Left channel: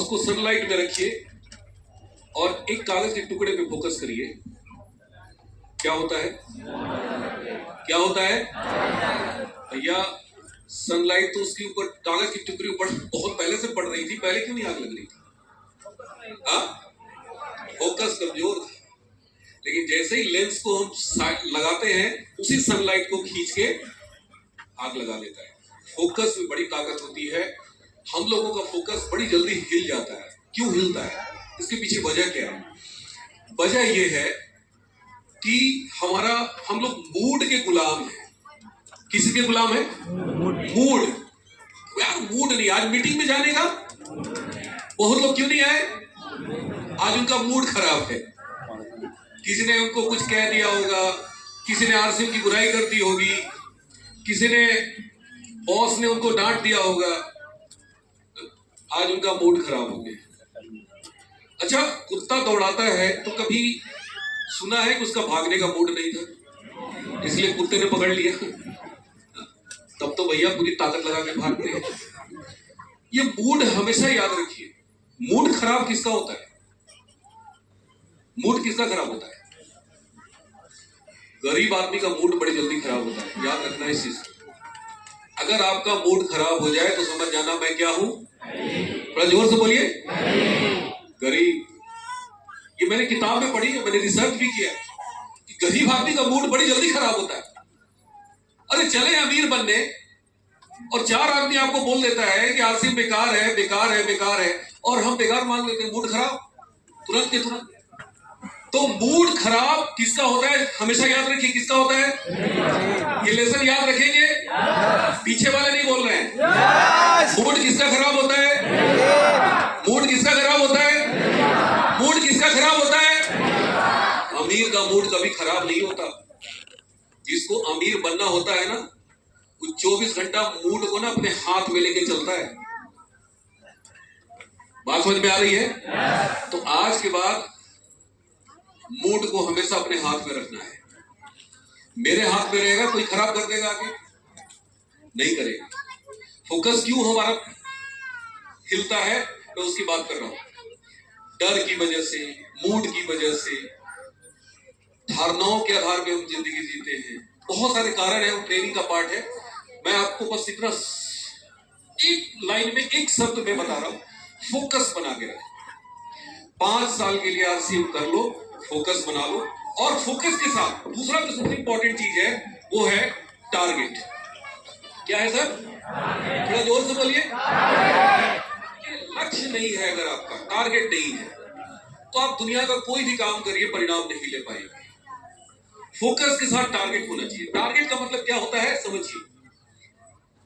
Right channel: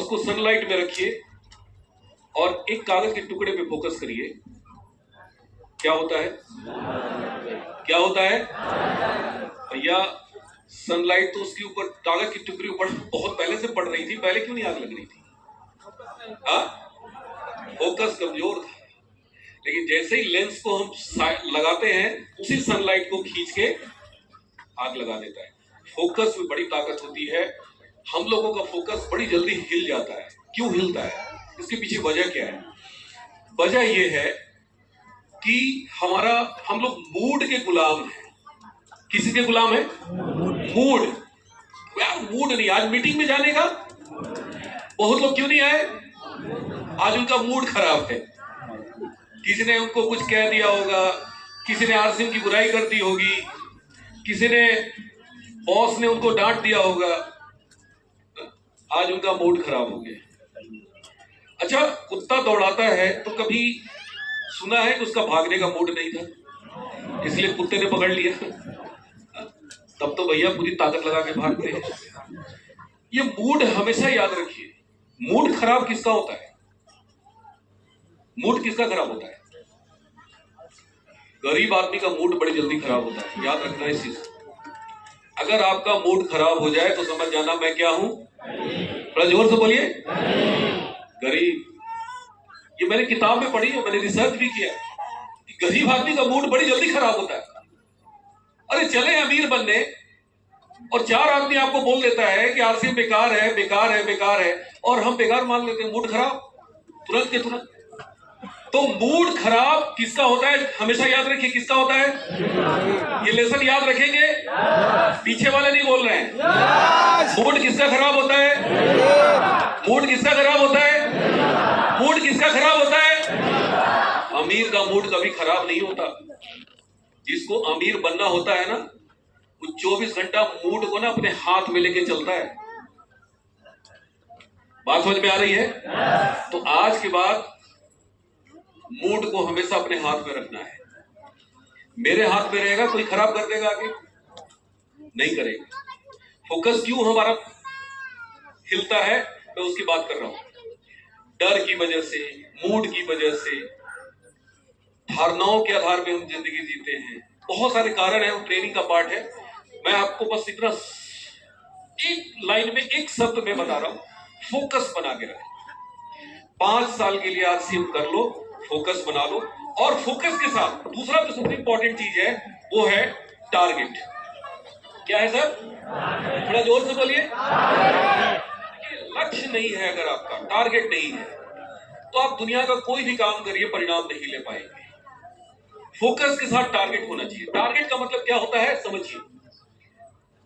उसको सनलाइट में रखिए और एक कागज के टुकड़े पे फोकस करिए। क्या होता है? क्या होता है भैया? सनलाइट तो उसके ऊपर, कागज की टुकड़ी ऊपर बहुत पहले से पड़ रही थी, पहले क्यों नहीं आग लग रही थी? फोकस कमजोर था। लेकिन जैसे ही लेंस को हम लगाते हैं, उसी सनलाइट को खींच के आग लगा देता है। फोकस में बड़ी ताकत होती है। हम लोगों का फोकस बड़ी जल्दी हिल जाता है। क्यों हिलता है? इसके पीछे वजह क्या है? वजह यह है कि हम लोग मूड के गुलाम हैं। किसी के गुलाम है? मूड। यार मूड नहीं, आज मीटिंग में जाने का बहुत लोग क्यों नहीं आए? आज उनका मूड खराब है। किसी ने उनको कुछ कह दिया होगा, किसी ने आरसीएम की बुराई कर दी होगी, किसी ने बॉस ने उनको डांट दिया होगा, आज उनका मूड खराब हो गया। अच्छा, कुत्ता दौड़ाता है तो कभी सुना है कि उसका भागने का मूड नहीं था, इसलिए कुत्ते ने पकड़ लिया? तब तो भैया पूरी ताकत लगा के भागते हैं। ये मूड हमेशा याद रखिए। मूड खराब किसका होता है? मूड किसका खराब होता है? गरीब आदमी का मूड बड़ी जल्दी खराब होता है। याद रखना इस चीज। अगर आपका मूड खराब हो जाए तो समझ जाना मैं क्या हूं। थोड़ा जोर से बोलिए, गरीब। ये मैंने किताब में पढ़ी है, मैंने रिसर्च भी किया कि गरीब आदमी का मूड बड़ी जल्दी खराब होता है। अरे चले अमीर बनने और चार आदमी आपको बोल देता है कि आरसीएम बेकार है, बेकार है, बेकार है, और हम बेकार मान लेते हैं। मूड खराब तुरंत के तुरंत। तो मूड खराब किसका होता है? हमेशा याद रखिए, किसका होता है? ये लेसन याद रखेंगे। पीछे वाले नहीं बोल रहे हैं। मूड किसका खराब होता है? मूड किसका खराब होता है? मूड किसका खराब होता है? अमीर का मूड कभी खराब नहीं होता। जिसको अमीर बनना होता है ना, वो 24 घंटा मूड को ना अपने हाथ में लेके चलता है। बात समझ में आ रही है? तो आज के बाद मूड को हमेशा अपने हाथ में रखना है। मेरे हाथ में रहेगा, कोई खराब कर देगा आगे? नहीं करेगा। फोकस क्यों हमारा हिलता है, मैं उसकी बात कर रहा हूं। डर की वजह से, मूड की वजह से, धारणाओं के आधार पे हम जिंदगी जीते हैं। बहुत सारे कारण है, वो ट्रेनिंग का पार्ट है। मैं आपको बस इतना एक लाइन में, एक शब्द में बता रहा हूं। फोकस बना के रखें। 5 साल के लिए आरसीएम कर लो, फोकस बना लो। और फोकस के साथ दूसरा जो सबसे इंपॉर्टेंट चीज है वो है टारगेट। क्या है सर? थोड़ा जोर से बोलिए। लक्ष्य नहीं है, अगर आपका टारगेट नहीं है तो आप दुनिया का कोई भी काम करिए, परिणाम नहीं ले पाएंगे। फोकस के साथ टारगेट होना चाहिए। टारगेट का मतलब क्या होता है समझिए।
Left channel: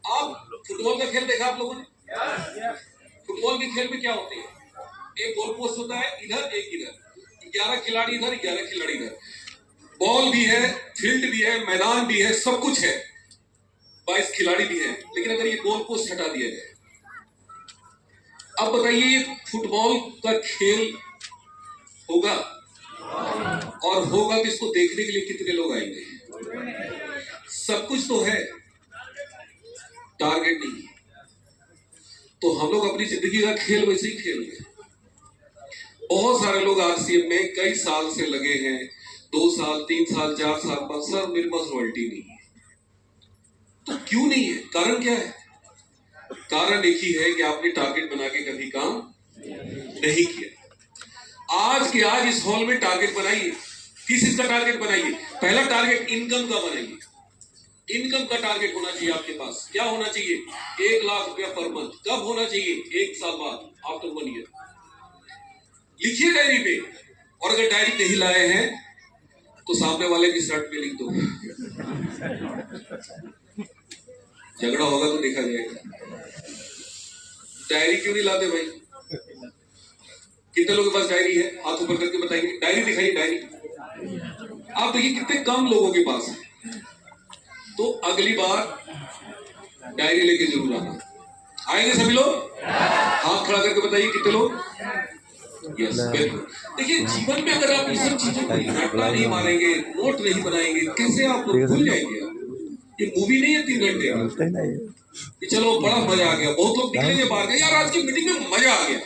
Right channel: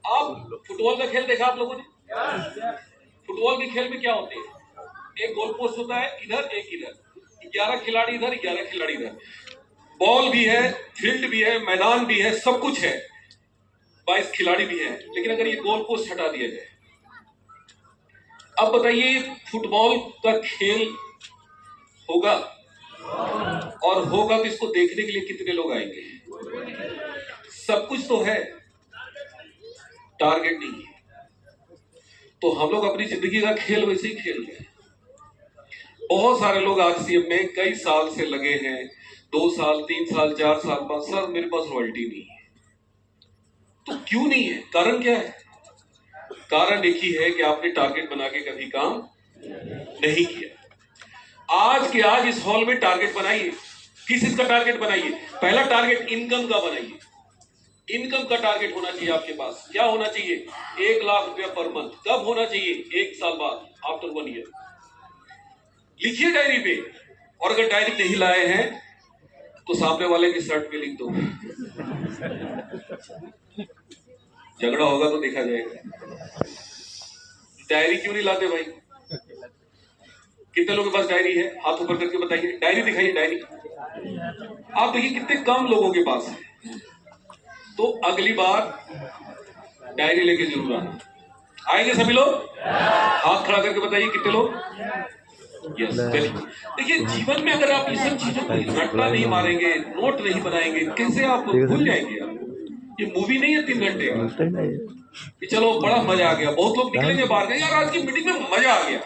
आप फुटबॉल का खेल देखा आप लोगों ने? फुटबॉल के खेल में क्या होते हैं? एक गोल पोस्ट होता है, इधर एक इधर, 11 खिलाड़ी इधर, 11 खिलाड़ी इधर। बॉल भी है, फील्ड भी है, मैदान भी है, सब कुछ है, 22 खिलाड़ी भी है। लेकिन अगर ये गोल पोस्ट हटा दिया जाए, अब बताइए फुटबॉल का खेल होगा? और होगा तो इसको देखने के लिए कितने लोग आएंगे? सब कुछ तो है, टारगेट नहीं है। तो हम लोग अपनी जिंदगी का खेल वैसे ही खेल रहे हैं। बहुत सारे लोग आरसीएम में कई साल से लगे हैं, 2 साल, 3 साल, 4 साल बाद, सर मेरे पास रॉयल्टी नहीं है। तो क्यों नहीं है? कारण क्या है? कारण एक ही है कि आपने टारगेट बना के कभी काम नहीं किया। आज के आज इस हॉल में टारगेट बनाइए। किस चीज का टारगेट बनाइए? पहला टारगेट इनकम का बनाइए। इनकम का टारगेट होना चाहिए आपके पास। क्या होना चाहिए? 1 लाख रुपया पर मंथ। कब होना चाहिए? 1 साल बाद, आफ्टर 1 ईयर। लिखिए डायरी पे। और अगर डायरी नहीं लाए हैं तो सामने वाले की शर्ट पे लिख दो। झगड़ा होगा तो देखा जाएगा। डायरी क्यों नहीं लाते भाई? कितने लोगों के पास डायरी है? हाथ ऊपर करके बताइए। डायरी दिखाइए, डायरी। आप देखिए कितने कम लोगों के पास है। तो अगली बार डायरी लेके जरूर आना। आएंगे सभी लोग? हाथ खड़ा करके बताइए कितने लोग? Yes, very good. देखिए जीवन में अगर आप ये सब चीजों को रट्टा नहीं मारेंगे, नोट नहीं बनाएंगे, कैसे आप भूल जाएंगे? आप ये मूवी नहीं है 3 घंटे का कि चलो बड़ा मजा आ गया। बहुत लोग निकलेंगे बाहर, यार आज की मीटिंग में मजा आ गया,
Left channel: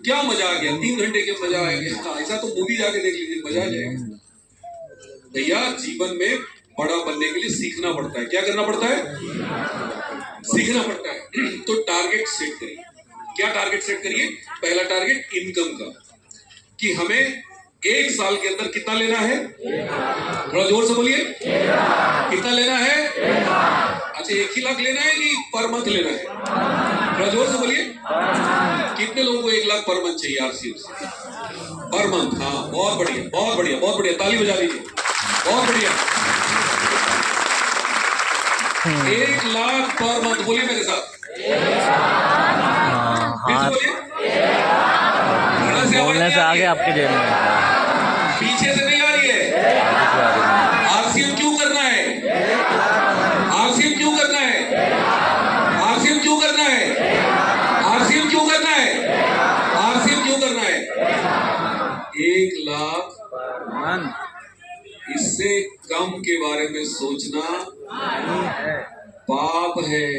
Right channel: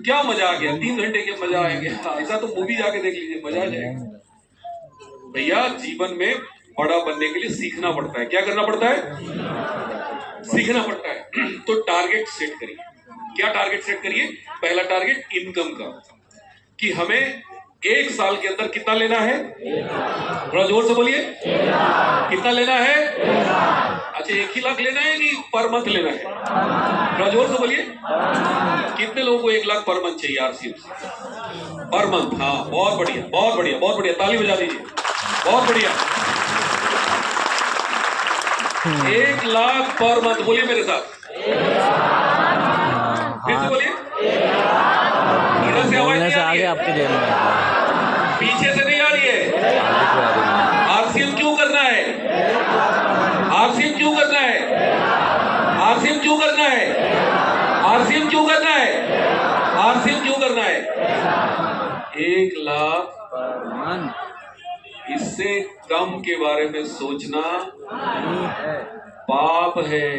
क्या मजा आ गया, 3 घंटे के मजा आ गया। ऐसा तो मूवी जाके देख लीजिए, मजा आ जाएगा। भैया जीवन में बड़ा बनने के लिए सीखना पड़ता है। क्या करना पड़ता है? सीखना पड़ता है। तो टारगेट सेट करिए। क्या टारगेट सेट करिए? पहला टारगेट इनकम का, कि हमें 1 साल के अंदर कितना लेना है? थोड़ा जोर से बोलिए, कितना लेना है? अच्छा, 1 ही लाख लेना है कि पर मंथ लेना है? थोड़ा जोर से बोलिए। कितने लोगों को 1 लाख पर मंथ चाहिए? RCM per month. हाँ, बहुत बढ़िया, बहुत बढ़िया, बहुत बढ़िया, ताली बजा लीजिए, बहुत बढ़िया। 1 लाख पर मंथ, बोलिए मेरे साथ, फिर से बोलिए। बोलने से आगे आपके जेब में, पीछे से नहीं आ रही है। आरसीएम क्यों करना है? आरसीएम क्यों करना है? आरसीएम क्यों करना है? आरसीएम क्यों करना है? आरसीएम क्यों करना है? 1 लाख पर मंथ, इससे कम के बारे में सोचना पाप है।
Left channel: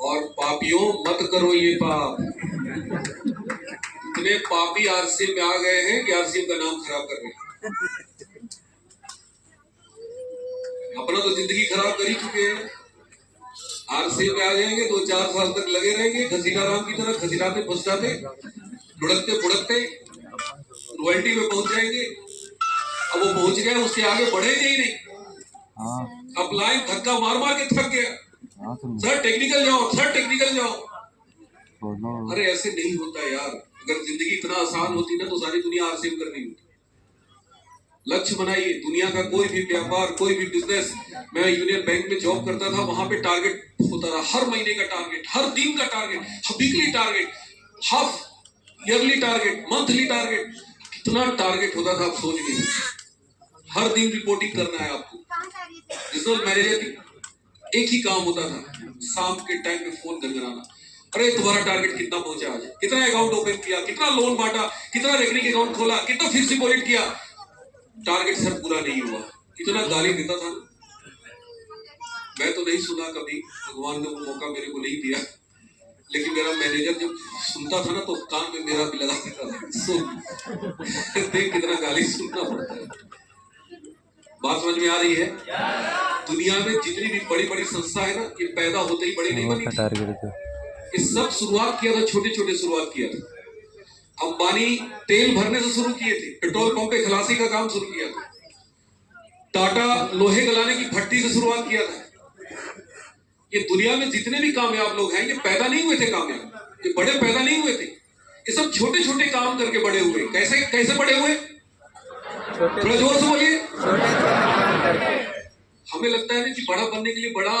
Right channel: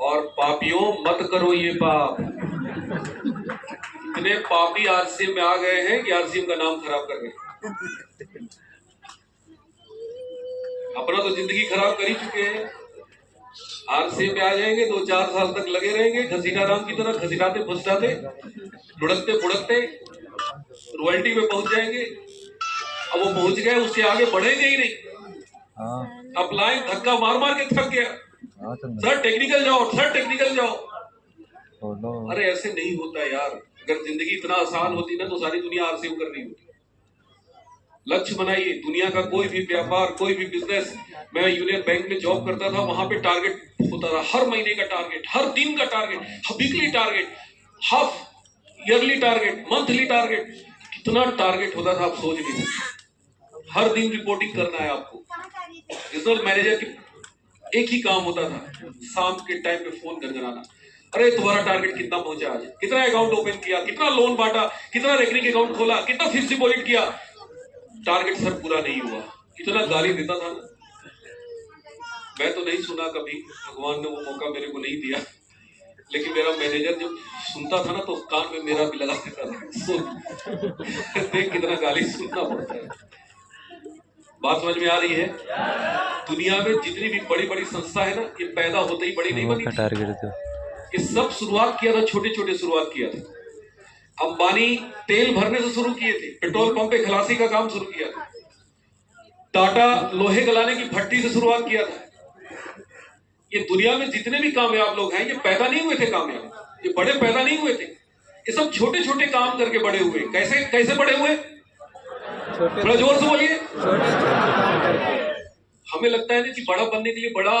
और पापियों, मत करो ये पाप। इतने पापी आरसीएम में आ गए हैं कि आरसीएम का नाम खराब कर रहे हैं। अपना तो जिंदगी खराब कर ही चुके हैं। आरसीएम में आ जाएंगे, 2-4 साल तक लगे रहेंगे घसीटा राम की तरह, घसीटाते फुसटाते, लुढ़कते फुड़कते रॉयल्टी में पहुंच जाएंगे। अब वो पहुंच गए, उसके आगे बढ़ेंगे ही नहीं। अप्लाई धक्का मार मार के थक गया। सर टेक्निकल जाओ, सर टेक्निकल जाओ। अरे ऐसे नहीं होता यार। अगर जिंदगी इतना आसान होती ना तो सारी दुनिया आरसीएम कर रही होती। लक्ष्य बनाइए। दुनिया का कोई भी व्यापार, कोई भी बिजनेस, मैं यूनियन बैंक में जॉब करता था, वहां पे टारगेट होता था। हर महीने का टारगेट, हर दिन का target, weekly target, half yearly target, monthly target. कितना टारगेट होता था आप सोच नहीं सकते। हर दिन रिपोर्टिंग करना है आपको। रिजनल मैनेजर की एक ही काम होता था, शाम के टाइम पे फोन गनगनाना। अरे तुम्हारा टारगेट कितना पहुंचा आज? कितना अकाउंट ओपन किया? कितना लोन बांटा? कितना रेकरिंग अकाउंट खोला? कितना फिक्स डिपॉजिट किया? टारगेट सर पूरा नहीं हुआ। इतना गाली देता था। मैं तो नहीं सुना कभी, भगवान ने वो मौका मेरे को नहीं दिया। लेकिन मेरा मैनेजर जब सुनता था ना तो कान में मेरा भी लगा देता था। सुन देख कितना गाली सुनना पड़ता है। बात समझ में आ रही है? दुनिया में जितनी भी बड़ी बड़ी संस्था है ना, ये पैदा होते ही बड़ी नहीं बनी। ये सब शुरुआत किया था, छोटे छोटे शुरुआत किया था। अंबानी तेल भरने से शुरू किए थे, पेट्रोल पंप पे खलासी का काम शुरू किया था। टाटा लोहे गलाने की भट्टी से शुरुआत किया था। ये दुनिया में जितने भी कामयाब लोग हैं, ये पैदा नहीं हुए थे कामयाब, ये बड़े पैदा नहीं हुए थे। ये सब छोटे छोटे काम करके बड़े हुए। कैसे कैसे बड़े हुए? थोड़ा जोर से बोलिए। छोटे छोटे काम करके। हमें लगता है ना कि बड़ा बनने के लिए बड़ा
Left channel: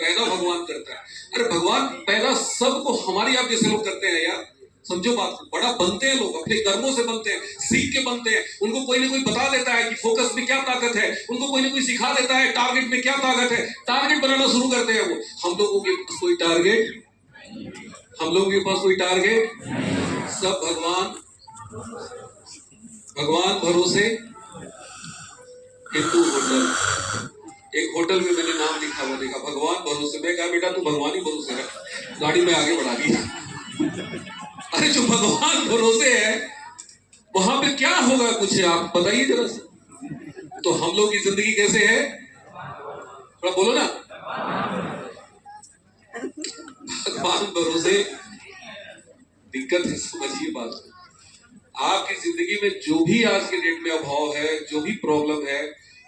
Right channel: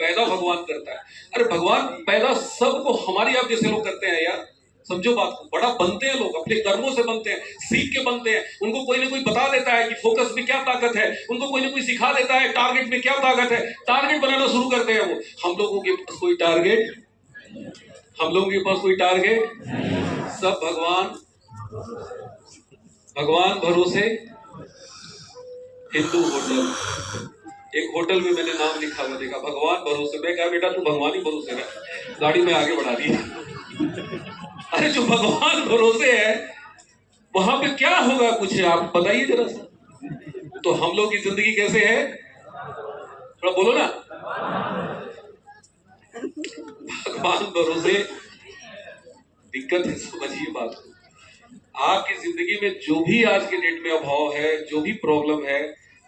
पैदा भगवान करता है। अरे भगवान पैदा सबको हमारी आप जैसे लोग करते हैं यार। समझो बात को। बड़ा बनते हैं लोग, अपने कर्मों से बनते हैं, सीख के बनते हैं। उनको कोई ना कोई बता देता है कि फोकस में क्या ताकत है। उनको कोई ना कोई सिखा देता है टारगेट में क्या ताकत है। टारगेट बनाना शुरू करते हैं वो। हम लोगों के पास कोई टारगेट, हम लोगों के पास कोई टारगेट, सब भगवान भरोसे। हिंदू होटल, एक होटल में मैंने नाम लिखा हुआ देखा, भगवान भरोसे। मैं कहा बेटा तू भगवान ही भरोसे रह। गाड़ी में आगे बढ़ा दी। अरे जो भगवान भरोसे है वहां पे क्या होगा, कुछ आप बताइए जरा सा। तो हम लोग की जिंदगी कैसे है? थोड़ा बोलो ना। भगवान भरोसे दिक्कत है, समझिए बात। आपकी जिंदगी में जो भी आज के डेट में अभाव है, जो भी प्रॉब्लम है,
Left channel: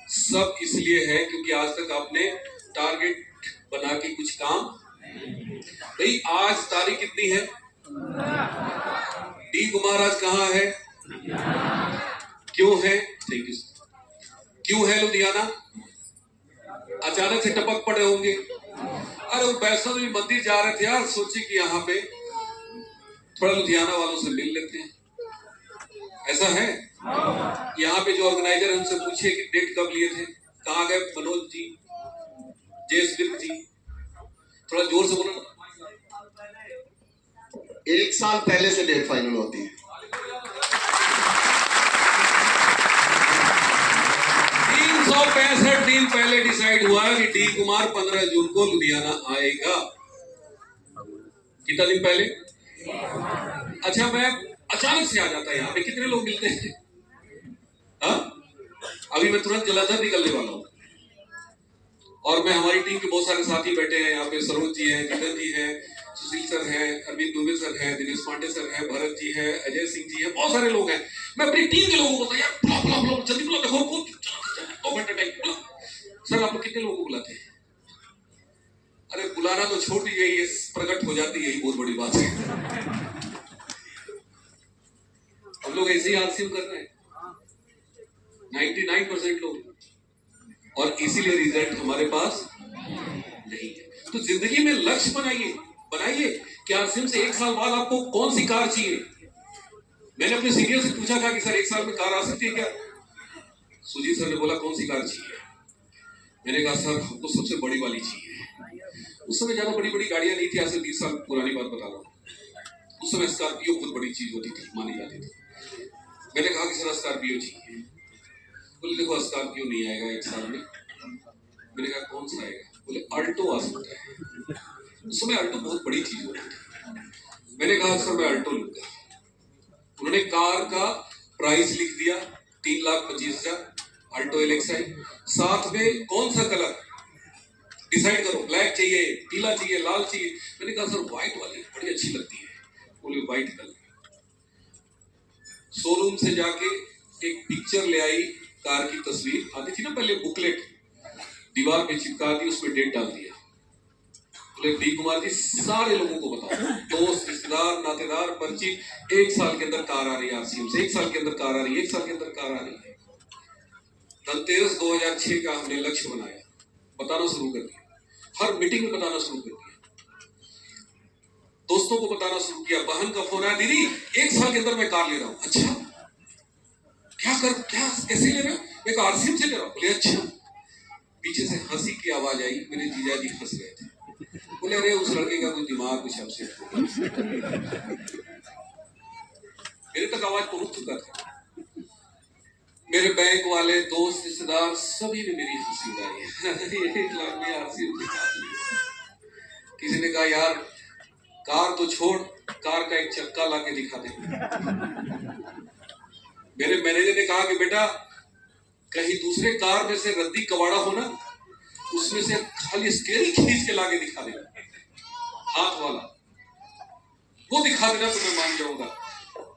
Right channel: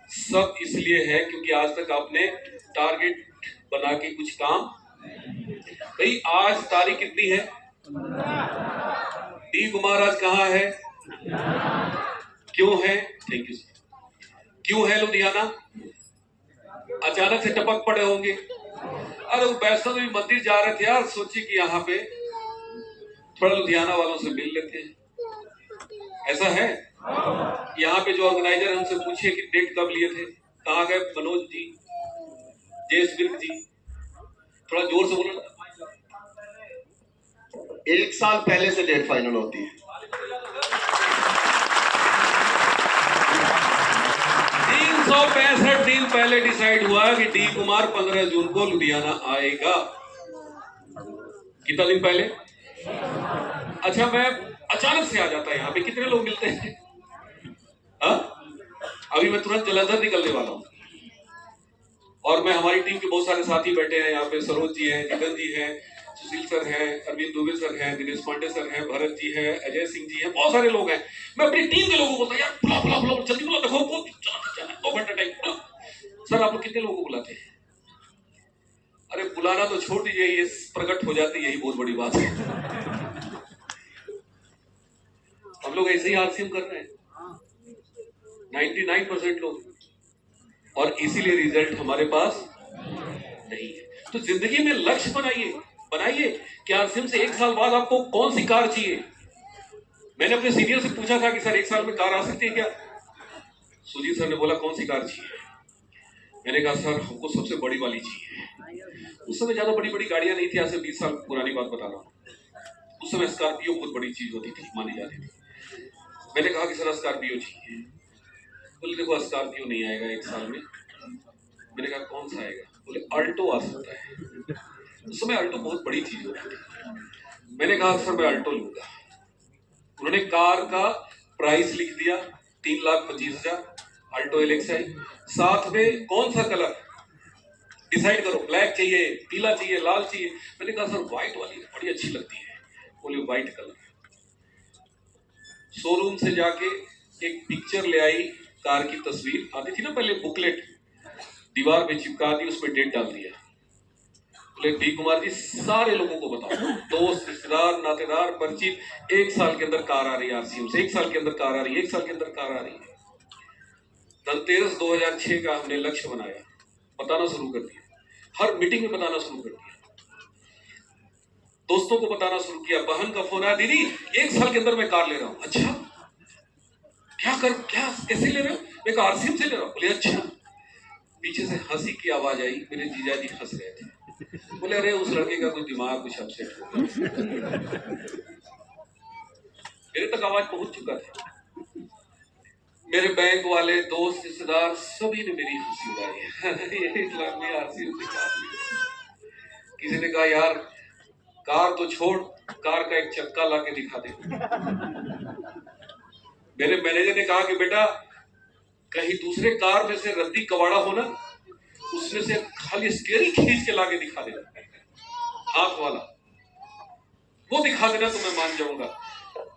सब इसलिए है क्योंकि आज तक आपने टारगेट बना के कुछ काम। भाई आज तारीख कितनी है? डी कुमार आज कहाँ है? क्यों है? Thank you. क्यों है लुधियाना? अचानक से टपक पड़े होंगे। अरे वो वैष्णो देवी मंदिर जा रहे थे यार, सोचे कि यहाँ पे थोड़ा लुधियाना वालों से मिल लेते हैं। ऐसा है? यहाँ पे जो ऑर्गेनाइजर है उनसे पूछिए कि डेट कब लिए थे, कहाँ गए मनोज जी, जयसवीर जी। थोड़ा जोर से बोलो। 1 साल पहले से डेट फाइनल होती है। 365 दिन पहले डिसाइड हुआ कि डी कुमार 15 जून को लुधियाना आएगा। कितना दिन पहले? अच्छा, मैं अचानक से आ जाता है यहाँ पे, कितने लोग मिलते हैं? हाँ, अभी मैं तुरंत जलंधर निकलने वाला हूँ और मैं हमारी टीम के बहुत सारे साथी बैठे हैं यहाँ पे। सरोज जी हैं, जितन जी हैं, सुशील सर हैं, अरविंद दुबे सर हैं, दिनेश पांडे सर हैं, भरत जी हैं, अजय सिंह जी हैं, बहुत सारे लोग हैं। मैं अपनी टीम के लोगों को बोलता यार बुला बुला बुला, जल्दी बुला, देखो वो 2 घंटे टाइम बुला। सर आप लोग कितने लोगों को बुलाते हैं? अरे बुलाना तो छोड़ दीजिए, ये प्रकट हो जाती, यही बहुत बड़ी बात है। हम लोग ऐसे ही आरसीएम कर रहे हैं 99% लोग, और इसीलिए रिजल्ट हमारे पास नहीं है। तो जिंदगी में लक्ष्य बनाइए कि आरसीएम से 1 साल बाद आपको कौन सी कार चाहिए। मैंने अपने सीनियर से पूछा था कि सर 1 साल में कार आ सकती है क्या? सुजीत सर ने बोला कौन सी कार चाहिए? मैंने कहा सर हमको सबसे बड़ी वाली चाहिए। उस समय ज्यादा बड़ी बड़ी गाड़ियां नहीं थी, आज से 20 साल पुरानी बात बता रहा हूँ। उस समय स्कॉर्पियो बहुत बड़ी चीज होती थी, मानी जाती थी। मैंने कहा कि सर स्कॉर्पियो चाहिए। बोले देखो स्कॉर्पियो नहीं आएगा 1 साल में। मैंने कहा कौन सा आएगा? बोले अल्टो आ सकता है। उस समय अल्टो बहुत बड़ी चीज होती थी। मैंने कहा सर मैं अल्टो लूंगा। उन्होंने कार का प्राइस लिख दिया 3,25,000, अल्टो एलेक्साई। साथ में कौन सा कलर डिसाइड करो, ब्लैक चाहिए, पीला चाहिए, लाल चाहिए। मैंने कहा सर व्हाइट वाली बड़ी अच्छी लगती है। बोले व्हाइट कलर। शोरूम से जाके एक पिक्चर ले आई, कार की तस्वीर आती थी ना पहले, बुकलेट दीवार पे चिपका दी, उसमें डेट डाल दिया। बोले डी कुमार जी सारे लोगों को बताओ, दोस्त रिश्तेदार नातेदार परिचित, 1 साल के अंदर कार आ रही है आरसीएम से, 1 साल के अंदर कार आ रही है, 1 साल के अंदर कार आ रही है। धनतेरस 2006 का हमने लक्ष्य बनाया, बताना शुरू कर दिया, हर मीटिंग में बताना शुरू कर दिया, दोस्तों को बताना शुरू किया। बहन का फोन आया, दीदी 1 साल के अंदर मैं कार ले रहा हूं। अच्छा क्या कैसे ले रहे हो? मैं आरसीएम से ले रहा हूं। बोले अच्छा। पीछे से हंसी की आवाज आई, मेरे जीजा जी हंस रहे थे। बोले अरे उस लड़के का कुछ दिमाग कुछ अपसेट हो गया। मेरे तक आवाज पहुंच चुका था। मेरे बैंक वाले दोस्त रिश्तेदार सभी ने मेरी हंसी उड़ाई। 1 लाख में आरसीएम से कार ली। किसी ने कहा यार कार तो छोड़, कार का एक चक्का ला के दिखा दे। मेरे मैनेजर ने कहा कि बेटा कहीं दूसरे कार में से रद्दी कबाड़ा हो ना, उसमें से खाली स्टीयरिंग खींच के लाके दिखा देना, हाथ वाला वो दिखा देना तो मैं मान जाऊंगा।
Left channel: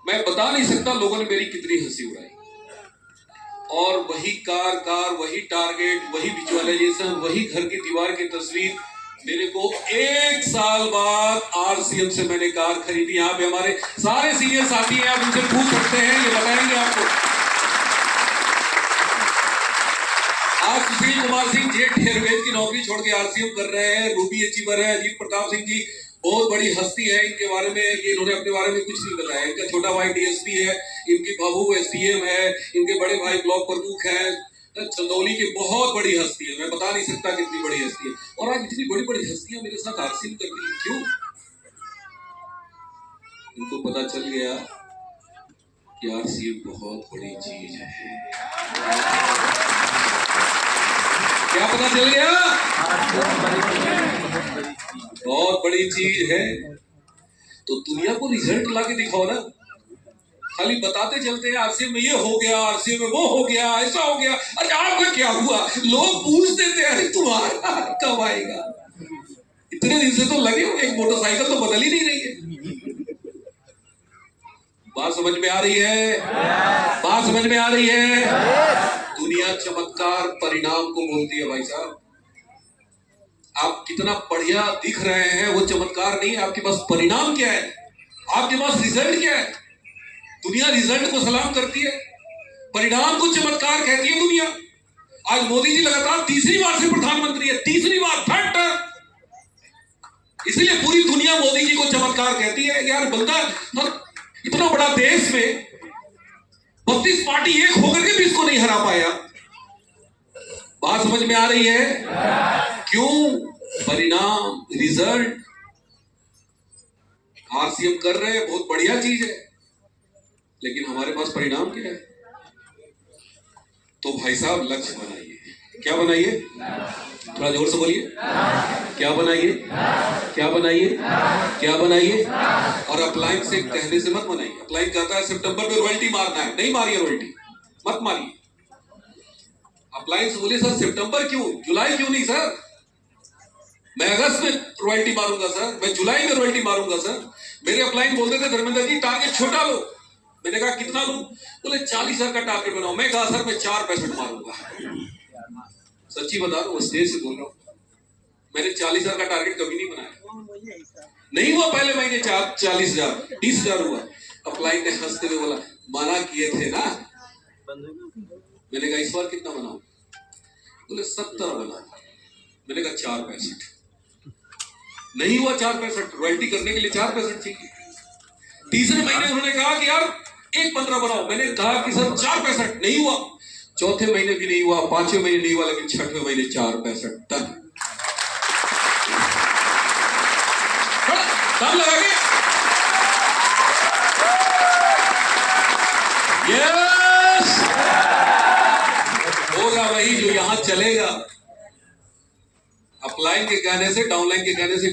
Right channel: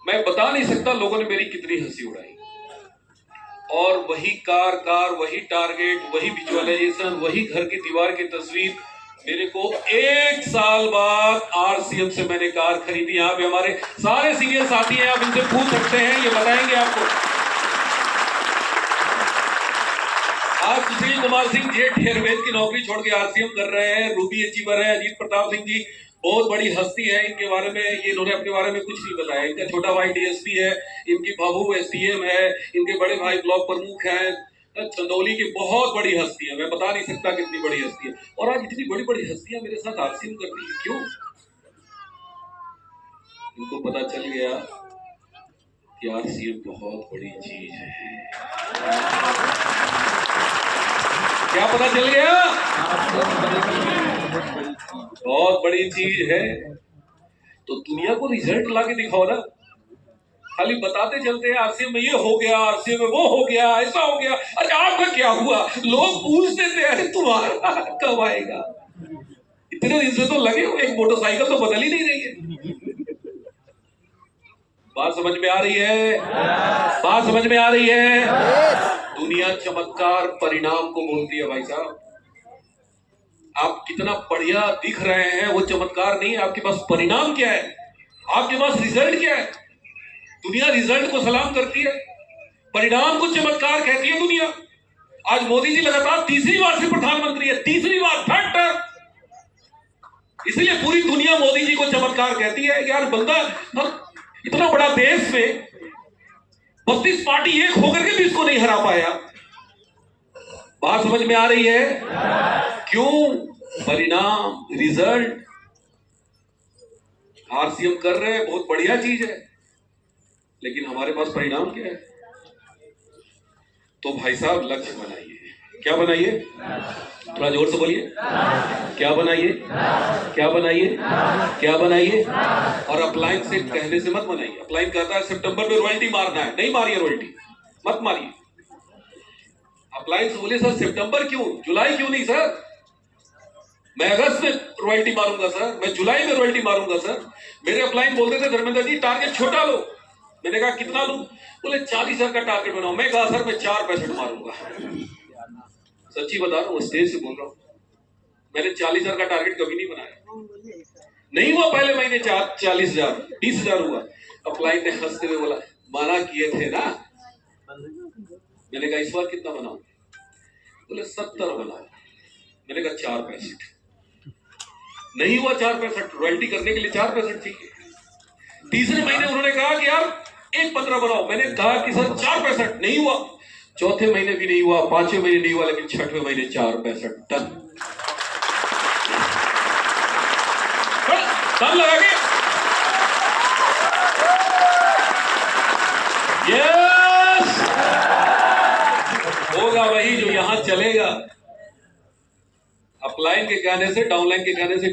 मैं बता नहीं सकता लोगों ने मेरी कितनी हंसी उड़ाई। और वही कार, वही टारगेट, वही विजुअलाइजेशन, वही घर की दीवार की तस्वीर। मेरे को 1 साल बाद आरसीएम से मैंने कार खरीदी। यहाँ पे हमारे सारे सीनियर साथी हैं, आप इनसे पूछ सकते हैं, ये बताएंगे आपको। आज सुशील कुमार सिंह जेट एयरवेज की नौकरी छोड़ के आरसीएम कर रहे हैं। रूबी अचीवर है, अजीत प्रताप सिंह जी बहुत बड़ी हस्ती है। इनके बारे में ये इन्होंने अपने बारे में कुछ नहीं बताया। इनका छोटा भाई डीएसपी है, इनकी बहू एसडीएम है, इनके बड़े भाई ब्लॉक प्रमुख हैं। चंदौली की बहुत बड़ी हस्ती है, मैं बता नहीं सकता कितनी बड़ी हस्ती है। और आज इतनी बड़ी बड़ी हस्तियां मेरे साथ आरसीएम कर रही है, क्यों? इनको पता चल गया कि आरसीएम बहुत बड़ी चीज है। क्या पता चल गया? बहुत बड़ी चीज है। तो दुनिया को रिजल्ट ला के दिखाओ ना, खाली बताते चलते हैं आरसीएम में ये हो गया, आरसीएम में वो हो गया, ऐसा हो गया। अरे आपका क्या हुआ? लोग पूछते थे अरे तुम्हारा कब आएगा? इतने दिन से तो लगे हो, एक मोटरसाइकिल तो बदल ही नहीं रही है। बात समझ में आ रही है? बात समझ में आ रही है? दुनिया चमत्कार परिणाम को बोलती है भाई साहब। आप कितना बढ़िया दिख रहे हैं वो चमत्कार नहीं है, आपके पास परिणाम क्या है, आपके पास रिजल्ट क्या है। दुनिया रिजल्ट को सलाम करती है, परिणाम को चमत्कार कहती है दुनिया। आज मोदी जी लगातार तीसरी बार से प्रधानमंत्री है, तीसरी बार, थर्ड टर्म। इसलिए पूरी दुनिया मोदी जी को चमत्कार कहती है। यार बंदा इतना बड़ा देश में 32 पार्टी एक होकर के भी इसको नहीं हरा पाया। बात समझ में आ रही है? क्यों? परिणाम, रिजल्ट। आरसीएम कर रहे हैं, बहुत बढ़िया चीज है, लेकिन हमारे पास परिणाम क्या है? तो भाई साहब लक्ष्य बनाइए। क्या बनाइए? थोड़ा जोर से बोलिए। क्या बनाइए, क्या बनाइए, क्या बनाइए। और अपलाइन से कहने से मत बनाइए। अपलाइन कहता है सितंबर में रॉयल्टी मारना है, नहीं मारिए रॉयल्टी, मत मारिए। अपलाइन से बोलिए सर सितंबर क्यों, जुलाई क्यों नहीं सर, मैं अगस्त में रॉयल्टी मारूंगा सर, मैं जुलाई में रॉयल्टी मारूंगा सर। मेरे अपलाइन बोलते थे धर्मेंद्र जी टारगेट छोटा लो। मैंने कहा कितना लूं, बोले 40,000 का टारगेट बनाओ। मैं कहा सर मैं 4 पैसेट मारूंगा। सच्ची बता रहा हूँ, स्टेज से बोल रहा हूँ, मैंने 40,000 का टारगेट कभी नहीं बनाया। नहीं हुआ पहले महीने 40,000, 20,000 हुआ। अपलाइन ने हंसते हुए बोला मना किए थे ना। मैंने कहा इस बार कितना बनाऊं, बोले 70 बनाओ। मैंने कहा 4 पैसेट। नहीं हुआ 4 पैसेट, रॉयल्टी करने के लिए 4 पैसेट चाहिए। तीसरे महीने उन्होंने कहा कि यार 1.15 बनाओ। मैंने कहा कि सर 4 पैसेट। नहीं हुआ। चौथे महीने भी नहीं हुआ, 5वें महीने नहीं हुआ, लेकिन 6वें महीने 4 पैसेट टन। टन लगा के यस होगा वही जो यहां चलेगा। अपलाइन के कहने से, डाउनलाइन के कहने से